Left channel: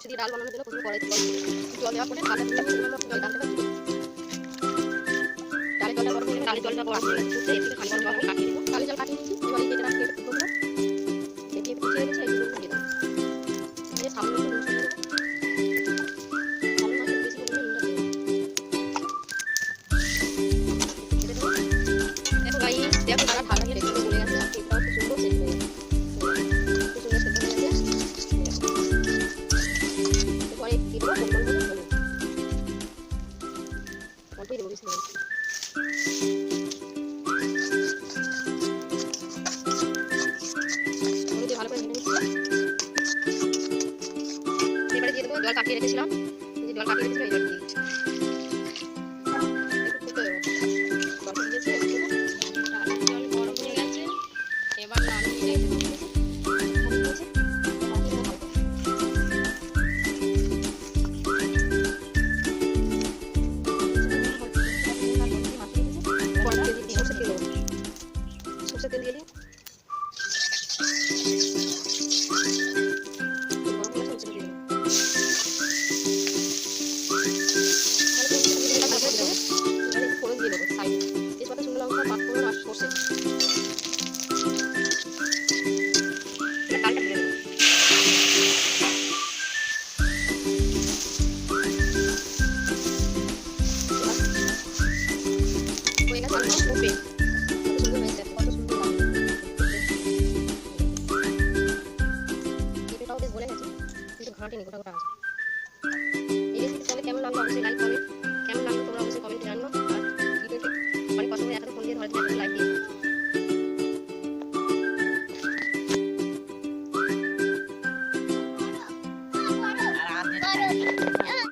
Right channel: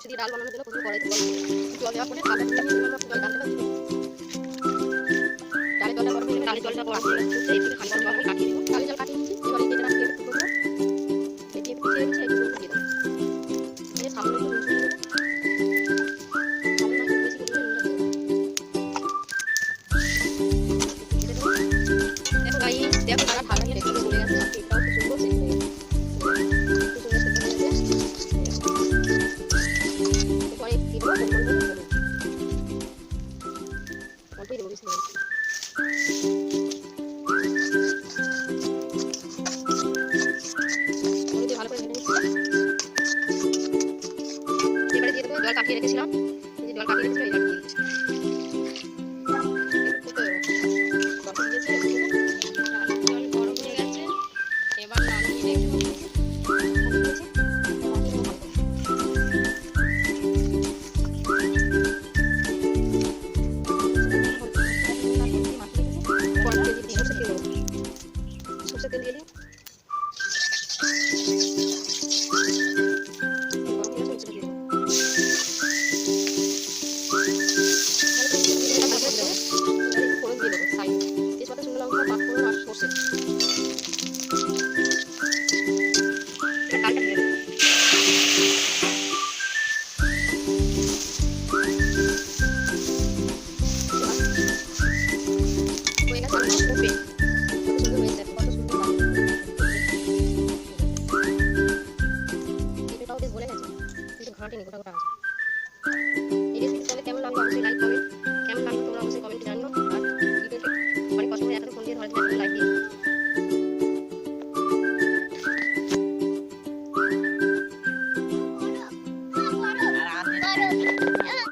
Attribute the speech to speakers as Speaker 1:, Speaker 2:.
Speaker 1: উচ্ছে দিয়ে ডাল বানানোর জন্য প্রথমে কড়াইতে জল জল দেওয়ার পরে কাঁচা নিয়ে জল ডালতে পারছি ডালের জলটা গরম হয়ে ডালের জলটা গরম হয়ে গেছে এর খালি গরম আমি কাটিয়ে দিব ডালের জল কাটিয়ে নিয়েছি, এবার এই কেটে রাখি একটু টুকরো কেটে কুচিয়ে রেখেছি এই টুকরো দিয়ে দেবো দিয়ে সামনে একটু নুন দিয়ে দেবো। দেখো গাই দেখো তারা ঢাকা দিয়ে রেখে ভুলে গেছে কেকটাও খুব সুন্দর সেট হয়ে গেছে। ভালো করে এবারে দিয়ে জল কাটিয়ে রেখেছিলাম। জল কাটিয়ে রেখেছিলাম এই জল দিয়ে দিচ্ছি। তেল দিয়ে সরষের তেল সরষের তেল তেল গরম গেছে সরষের এবারে ফোড়ন দিয়ে দেবো সাইডে তেজপাতা শুকনো লঙ্কা পাঁচফোড়ন আর সর্ষে কত সুন্দর হয়েছে কত সুন্দর লাগছে পেঁপেটাও বেশ বলে গেছে, কিন্তু ঘাঁটিনি গোটা গোটা আছে। এই রেসিপি কেমন লাগল? অবশ্যই লাইক কমেন্ট কেমন লাগল তোমরা অবশ্যই কমেন্টে জানিও। আর ভিডিওতে অনেক কষ্ট করে এতটা ফোন দিয়ে ধরে একটা লাইক দিও